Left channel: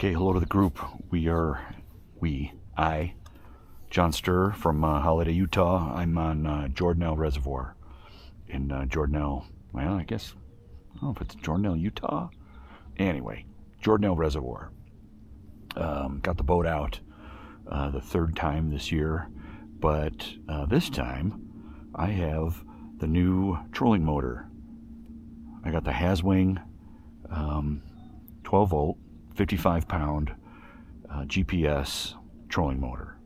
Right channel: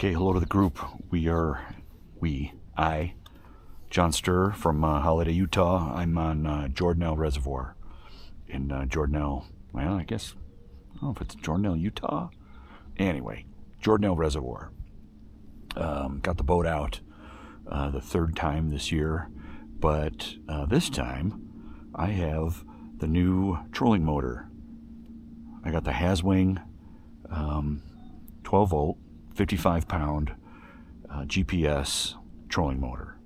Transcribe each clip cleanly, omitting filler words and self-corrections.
Okay, hello to the group. I, John Sturr from Holiday, Utah. I'm on Jordanelle Reservoir in Jordanelle. Well, I guess, I don't know if it's Jordanelle, Utah. Anyway, Jordanelle Reservoir. Got the boat out the third time this year, but this time I have the new trolling motor. I got the Haswing 12 volt, 55 pound GPS trolling motor.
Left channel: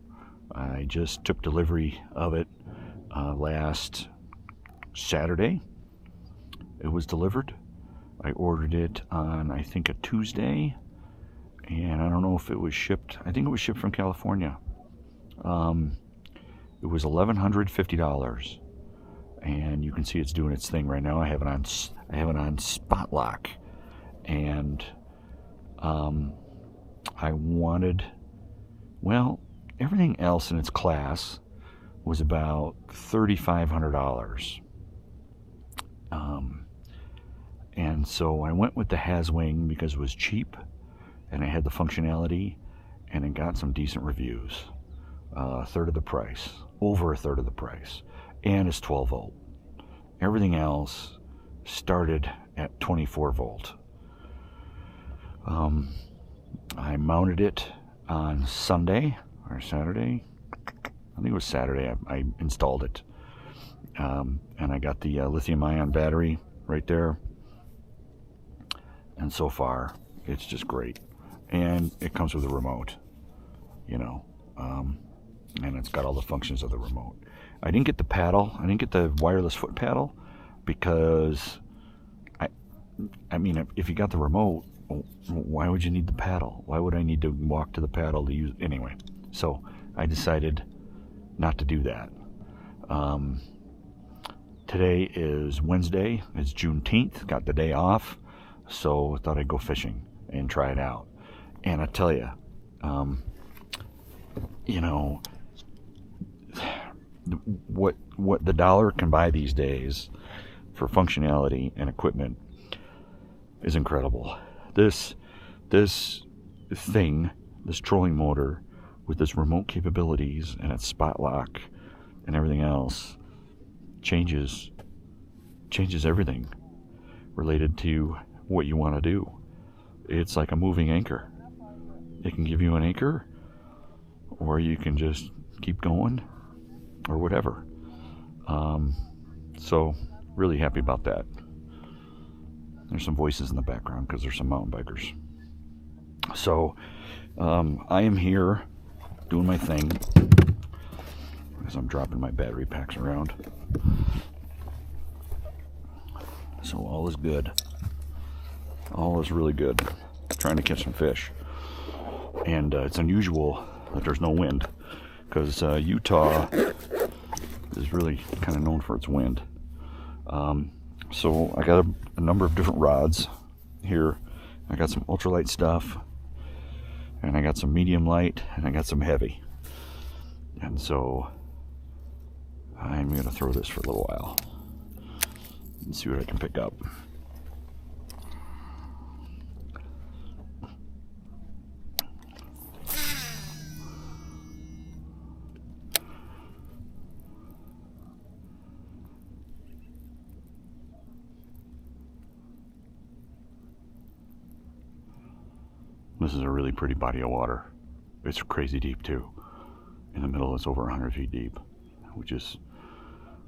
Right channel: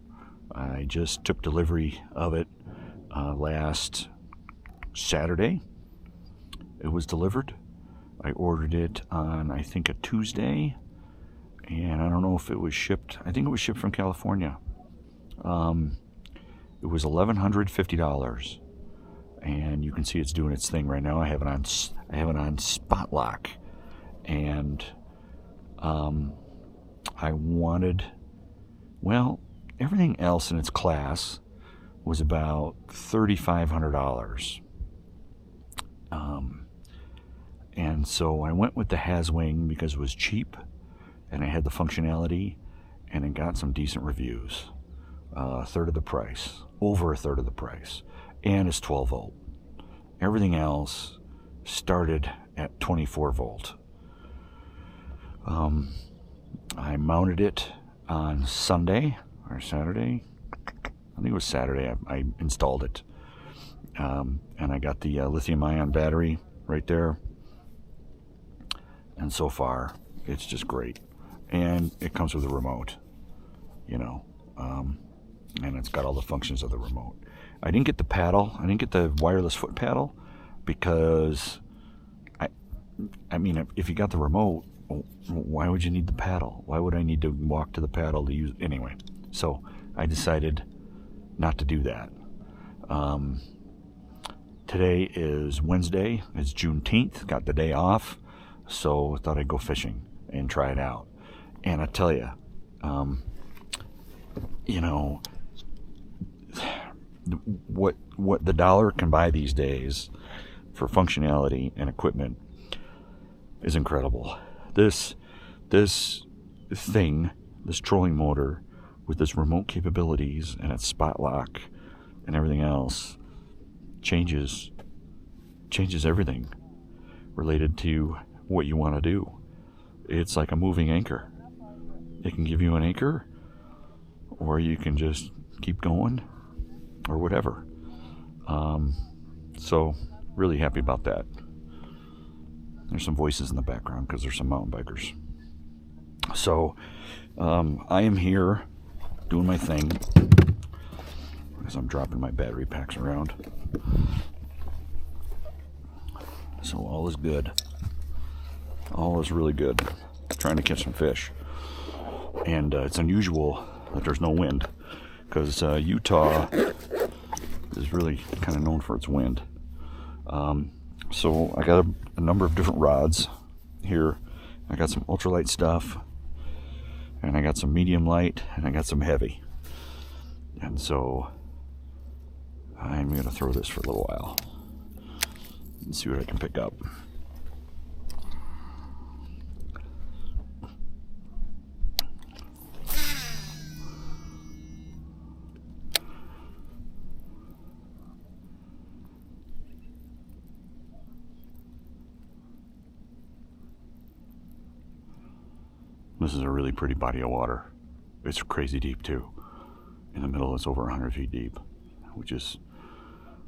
I just took delivery of it last Saturday. It was delivered. I ordered it on, I think, a Tuesday, and I don't know if it was shipped. I think it was shipped from California. It was $1,150, and you can see it's doing its thing right now. I have it on spot lock, and I wanted, well, everything else in its class was about $3,500. And so I went with the Haswing because it was cheap and it had the functionality and it got some decent reviews. A third of the price, over a third of the price, and it's 12 volt. Everything else started at 24 volt. I mounted it on Sunday or Saturday. I think it was Saturday. I installed it, and I got the lithium-ion battery right there. And so far, it's just great. And it comes with a remote, you know, and it's got all the functions of the remote. I didn't get the paddle. I didn't get the wireless foot paddle because I mean, if you got the remote, why would you need the paddle? Why would I need to walk to the paddle to use anyway? So I decided not to do that. Today is Wednesday. It's Juneteenth. Got the day off, so I thought I'd go fishing and try it out. And I tell you, you know, what the dollar can buy these days for functionality and equipment is incredible. This thing, this trolling motor with its remote capabilities and its spot lock and everything else changes everything related to what you want to do. It's like a moving anchor. It can give you an anchor, or you can just keep going, or whatever. So really happy about that. There's some voices in the background because there's some mountain bikers. So I am here doing my thing as I'm dropping my battery packs around. So all is good. All is really good. Trying to catch some fish. And it's unusual that there's no wind because Utah is really kind of known for its wind. So I got a number of different rods here. I got some ultralight stuff, and I got some medium light, and I got some heavy. And so I'm going to throw this for a little while and see what I can pick up. This is a really pretty body of water. It's crazy deep too. In the middle, it's over 100 feet deep, which is,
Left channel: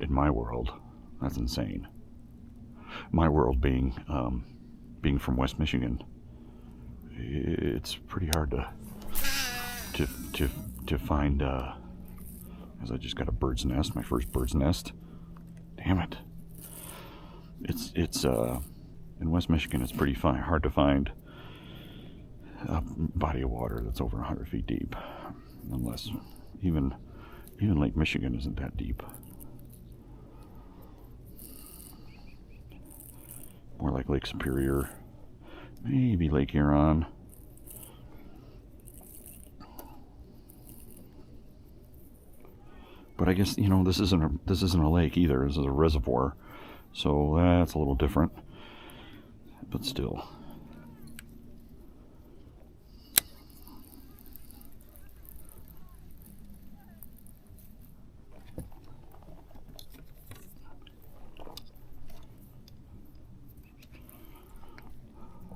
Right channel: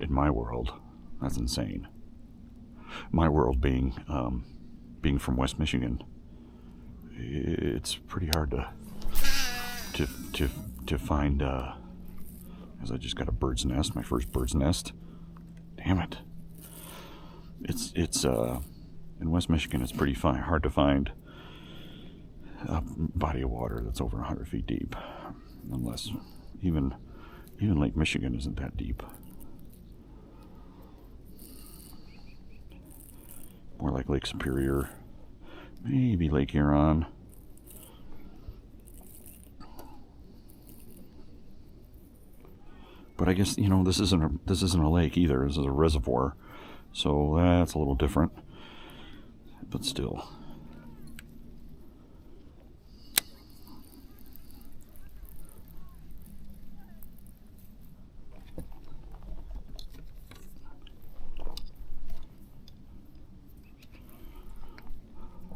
in my world, that's insane. My world being from West Michigan, it's pretty hard to find. As I just got a bird's nest, my first bird's nest. Damn it! It's in West Michigan. It's pretty hard to find a body of water that's over 100 feet deep, unless even Lake Michigan isn't that deep. More like Lake Superior, maybe Lake Huron. But I guess, you know, this isn't a lake either. This is a reservoir, so that's a little different. But still.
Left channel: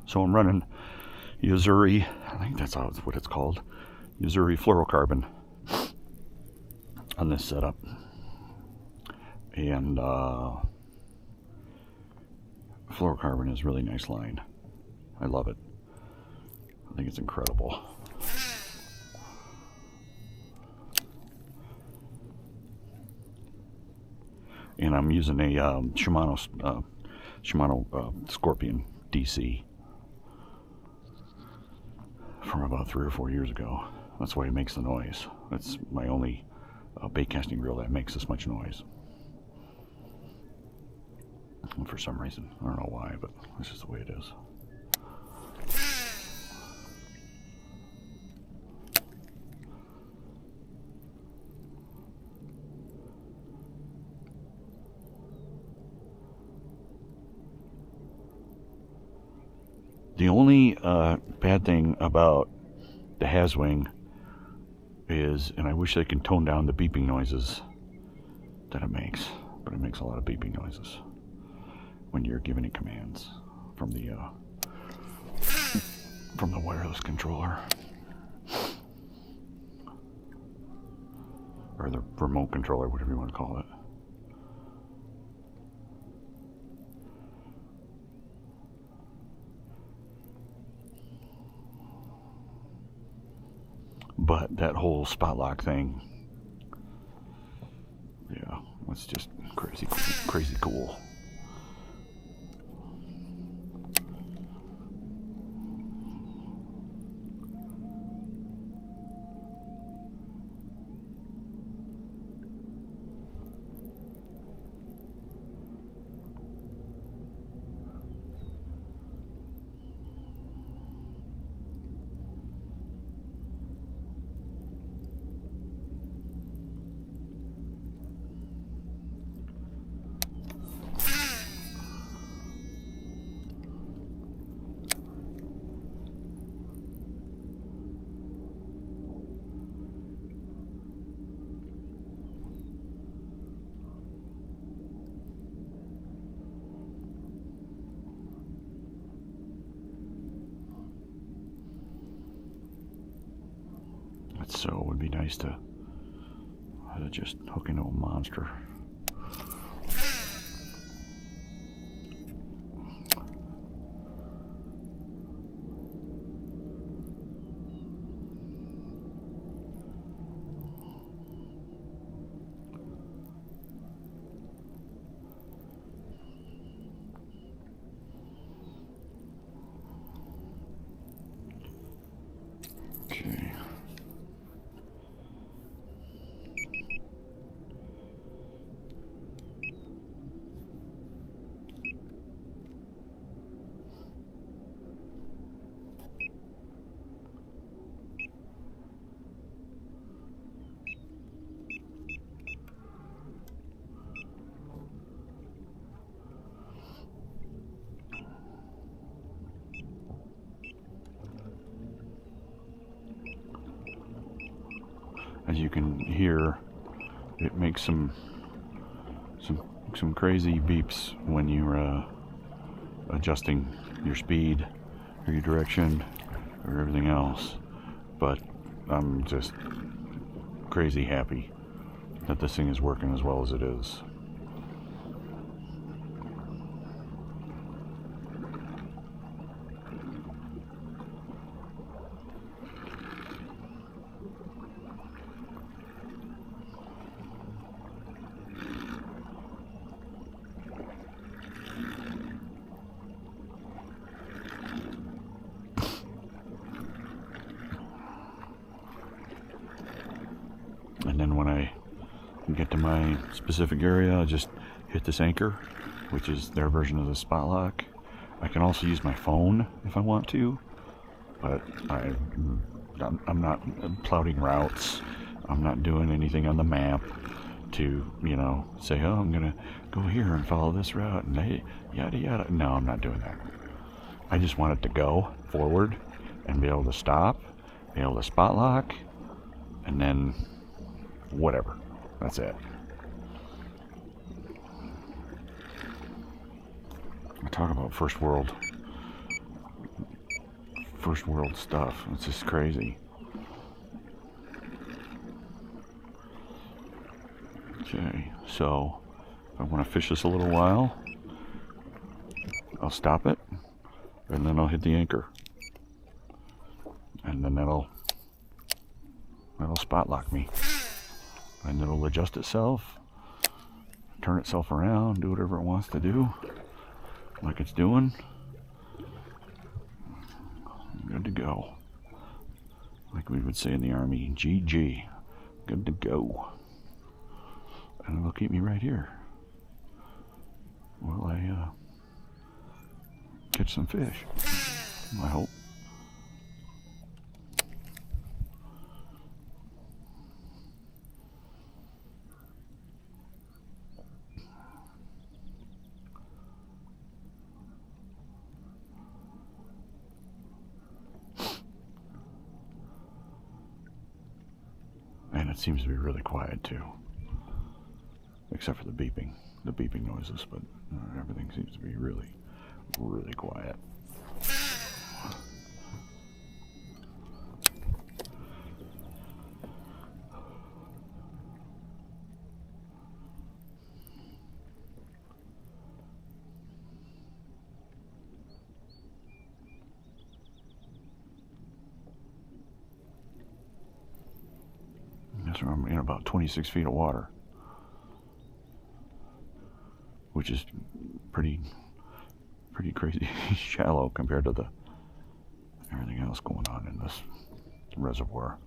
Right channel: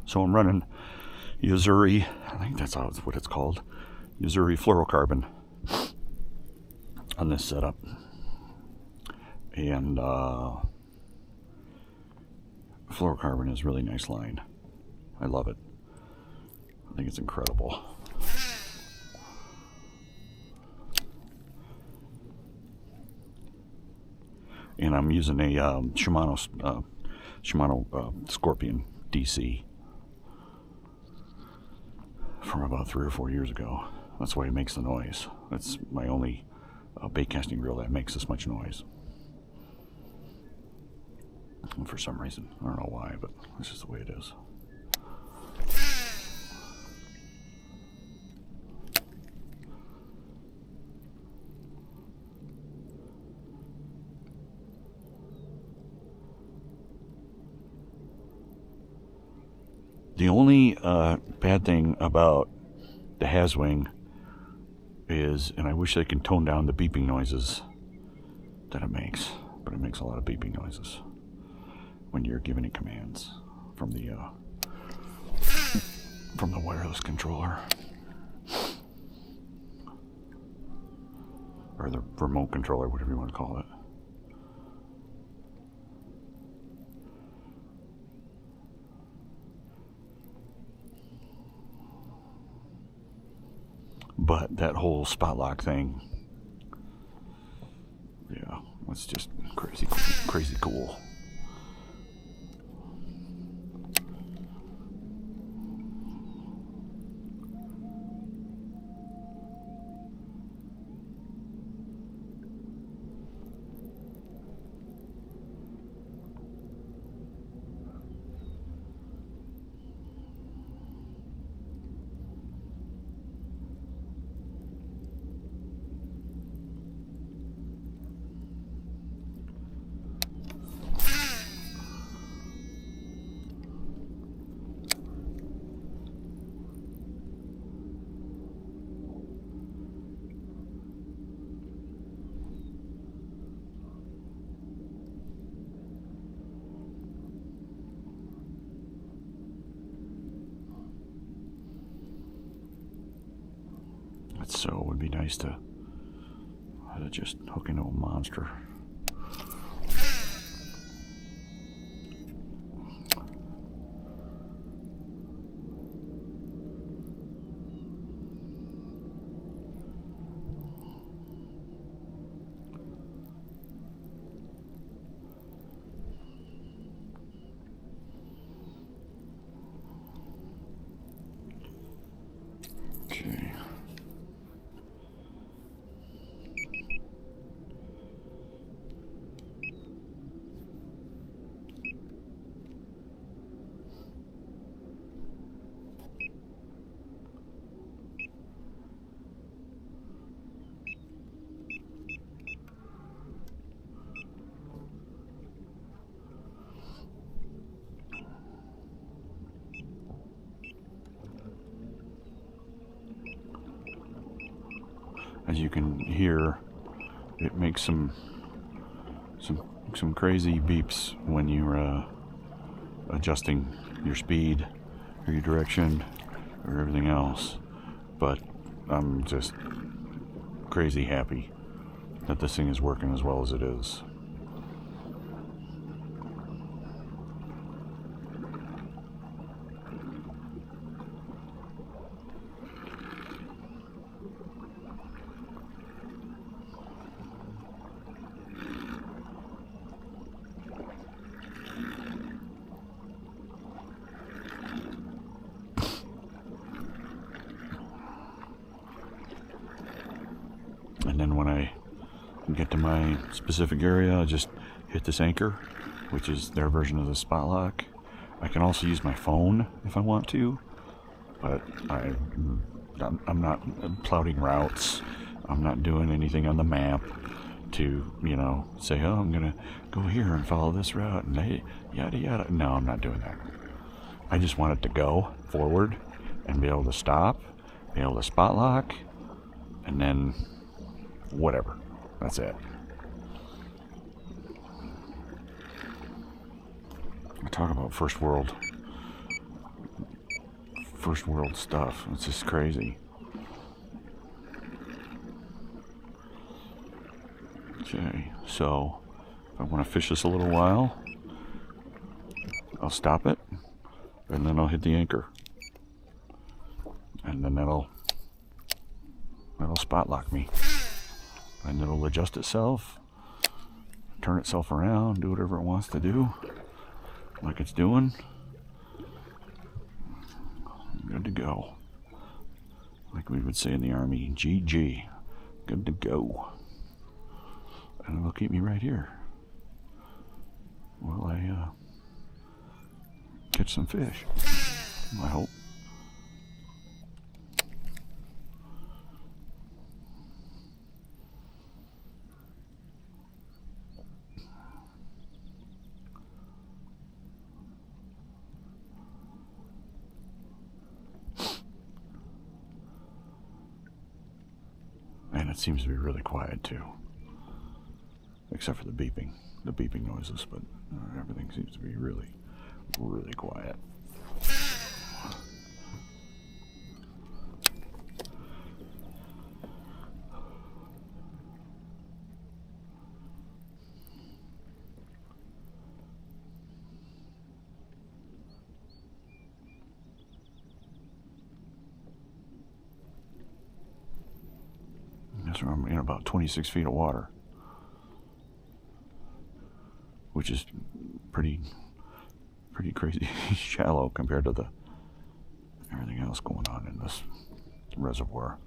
So I'm running Yuzuri, I think that's what it's called, Yuzuri fluorocarbon on this setup. And fluorocarbon is a really nice line. I love it. I think it's incredible. And I'm using a Shimano Scorpion DC from about 3 or 4 years ago. That's why it makes the noise. That's my only bait casting reel that makes this much noise. And for some reason, I don't know why, but this is the way it is. The only bad thing about the Haswing is, and I wish they could tone down the beeping noises that it makes, but it makes a lot of beeping noises when you're giving it commands from the wireless controller or the remote controller, whatever you want to call it. But that whole spot lock thing, yeah, it's just crazy cool. So it would be nice to just hook into a monster. Okay. As you can hear, it makes some crazy beeps when you're adjusting your speed or your direction or everything else. But I'm just crazy happy that this thing is working as well as it is. And then when I get to my specific area, I just hit this anchor, which is their version of the spot lock. I can also use my phone if I want to, but I'm not plotting routes. I'm not doing anything on the map to, you know, say, oh, I'm gonna go here and follow this route and hey, yada yada. No, I'm not doing that. I just want it to go forward and be able to stop, be able to spot lock, and then whatever. That's it. I talk about first world first world stuff. It's just crazy. Okay, so if I want to fish this a little while, I'll stop it, and then I'll hit the anchor. And then that'll spot lock me. And it'll adjust itself, turn itself around, do whatever it wants to do, like it's doing. Good to go. Like we would say in the Army, GG. Good to go. And it'll keep me right here while I catch some fish, I hope. And it seems to be really quiet too, except for the beeping noises, but everything seems to be really, really quiet. That's where I'm in about 26 feet of water, which is pretty crazy shallow compared to everything else going on in this reservoir.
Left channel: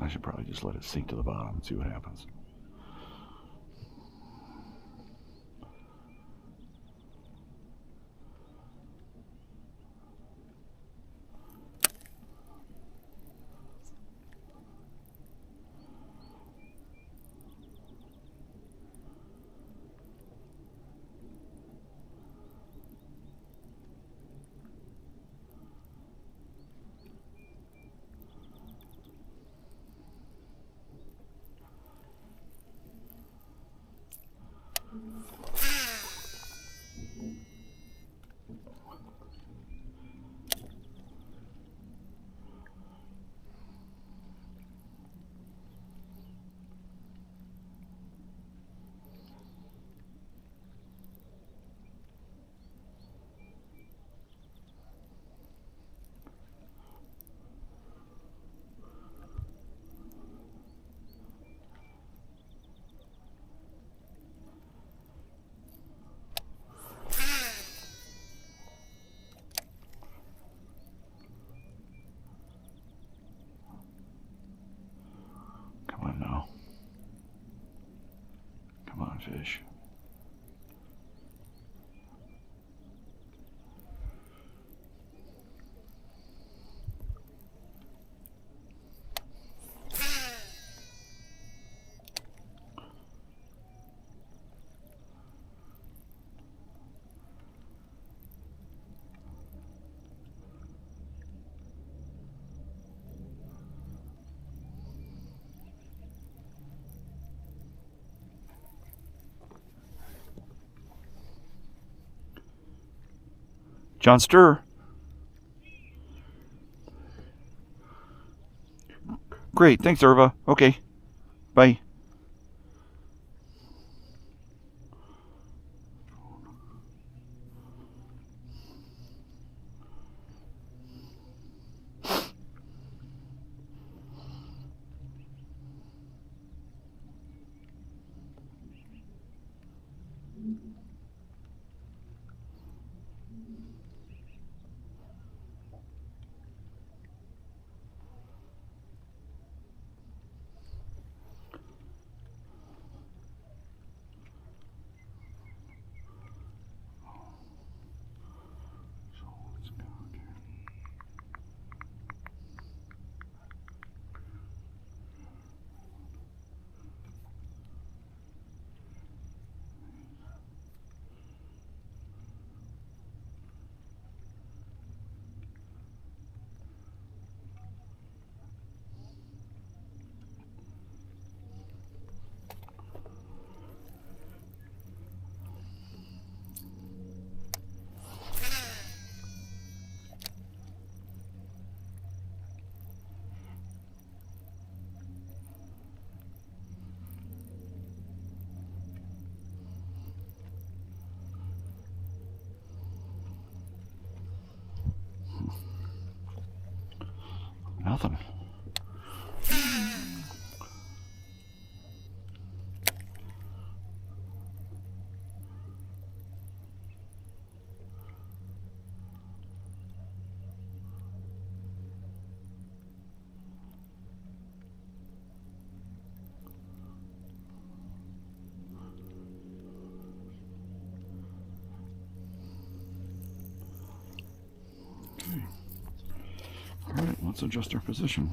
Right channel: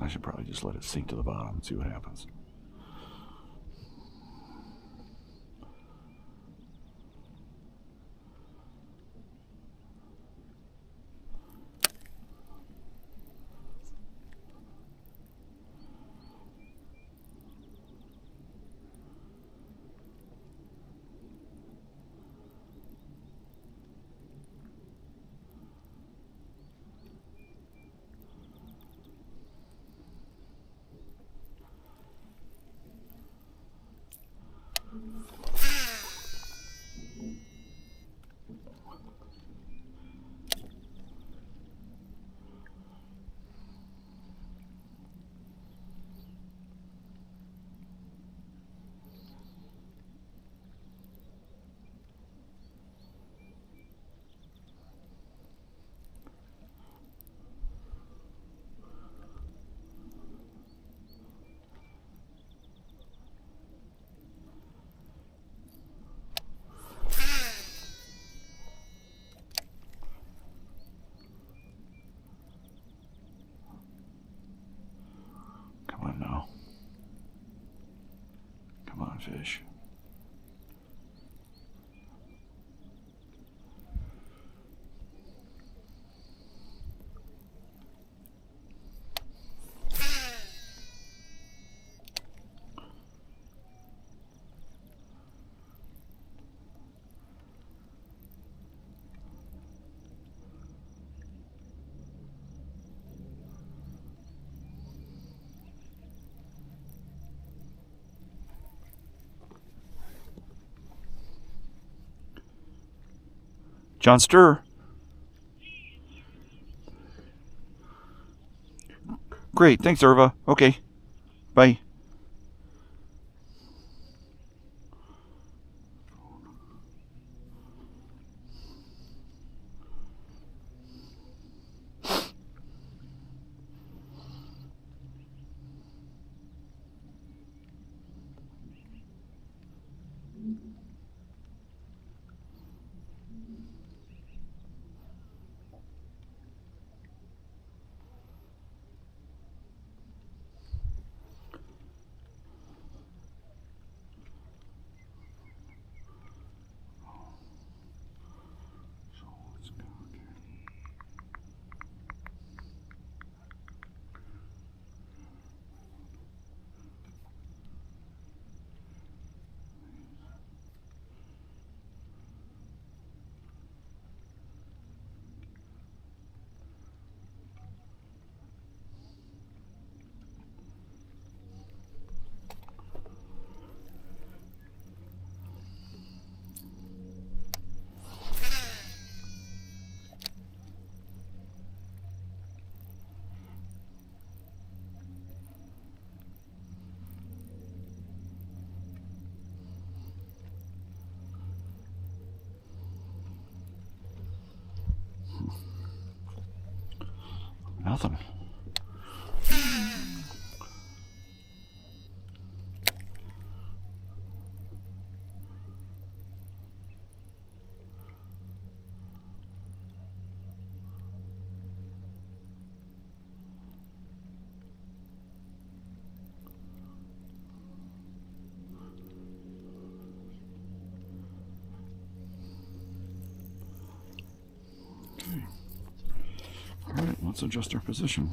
I should probably just let it sink to the bottom and see what happens. Come on now. Come on, fish. John Stir. Great, thanks, Irva. Okay, bye. let's adjust our position.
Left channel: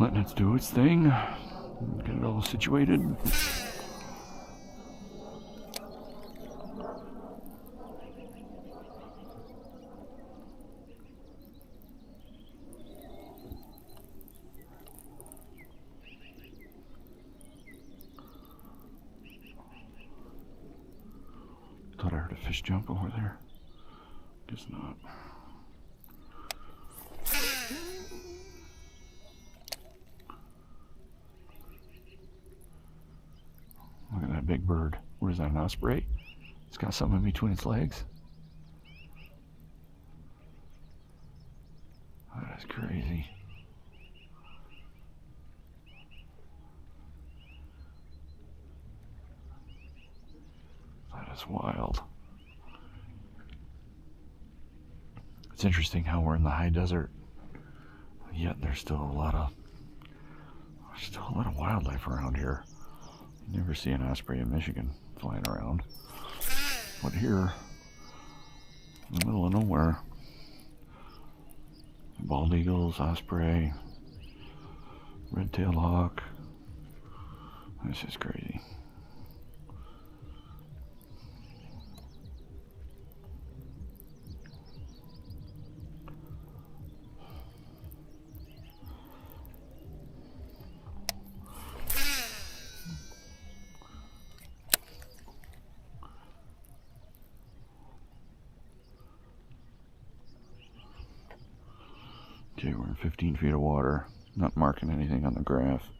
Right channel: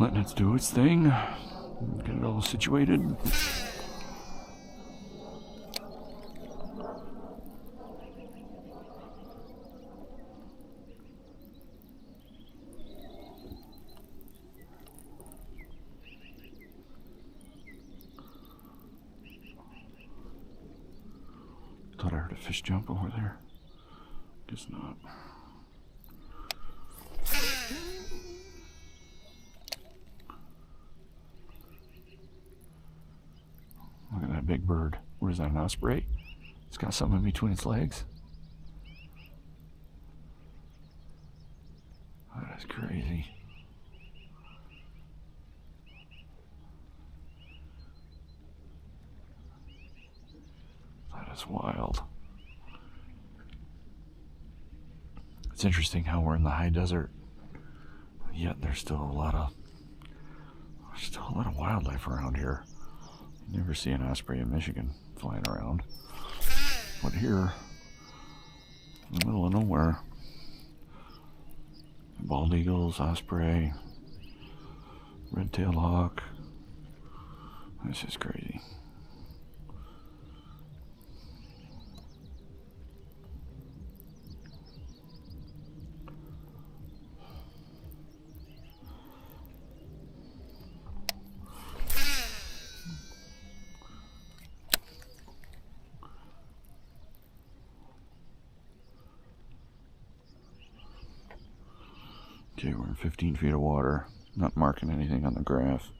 Letting it do its thing. Get it all situated. Thought I heard a fish jump over there. Guess not. Look at that big bird. What is that, an osprey? It's got something in between its legs. That is crazy. That is wild. It's interesting how we're in the high desert, yet there's still a lot of wildlife around here. You never see an osprey in Michigan flying around, but here, in the middle of nowhere, bald eagles, osprey, red-tailed hawk. This is crazy. Okay, we're in 15 feet of water. Not marking anything on the graph.